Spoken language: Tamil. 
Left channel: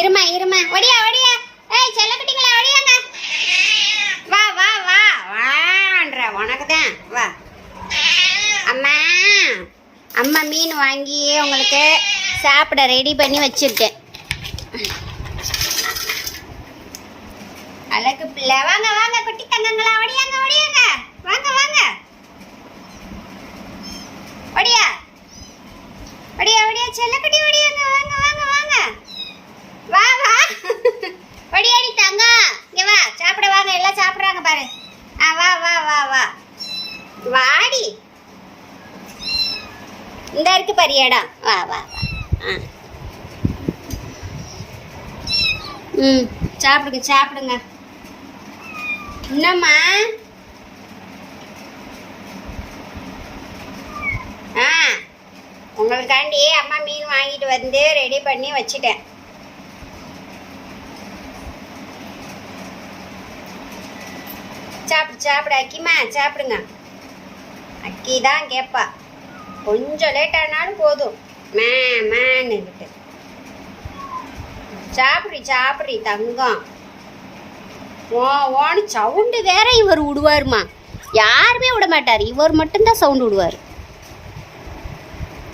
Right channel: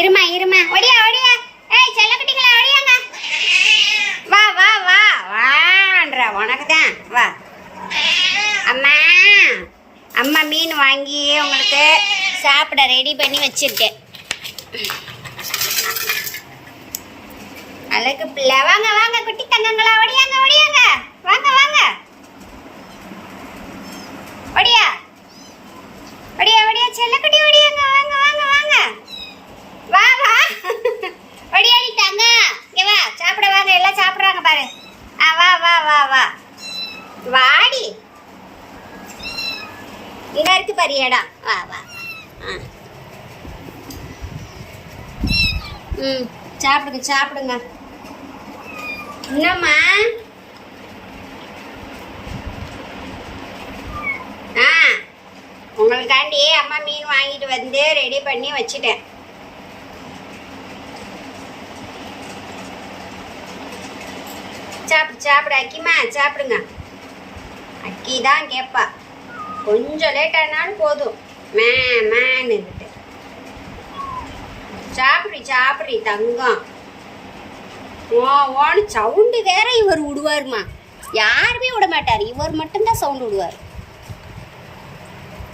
இருமா இருமா, ஒடியா ஒடியா. ஏய் செல்லக்குட்டிங்களா, ஒடியாங்க. வா வா வா வான்ற, உனக்கு தான் வா. அம்மா அம்மா மீன் வாங்கி உங்களுக்கு சாப்பிட ரெடி பண்ணி வச்சிருக்கேன். அழகு பிள்ளை, வாங்க வாங்க குட்டி தங்கங்களா, ஒடியாங்க ஒடியாங்க, வாங்க வாங்க, ஒடியா ஒடியா ஒடியா செல்லக்குட்டி, ஒடியாங்க, வாங்க வாங்க வாங்க, வா வா ஒடியாடி தங்க, இங்க வா சாப்பிட வாங்க, எல்லாம் சாப்பிட்றாங்க பாரு. வா வா வா வா வாடி, இந்த இருக்கு பாரு இடம், வா வா வா. சாப்பிடுங்க சாப்பிடுங்க. என்னம்மா? உங்களுக்காண்டி அம்மா மீன் வாங்கிட்டு வந்து ரெடி பண்ணி வச்சிட்டேன். சாப்பிடு சாப்பிடு அக்கிமா, சாப்பிடுங்க. அக்கி தான் கேட்பா, கொஞ்சம் லேட் ஆனாலும் போதும் மேன்னுக்கிட்டு. சாப்பிடு சாப்பிடு தங்கம். ஓன்னு சவுண்டு வேற இவர் விடுவாருமா, யாருமே விட மாட்டார், இவர் மட்டும்தான் சவுண்டு விடுவார்.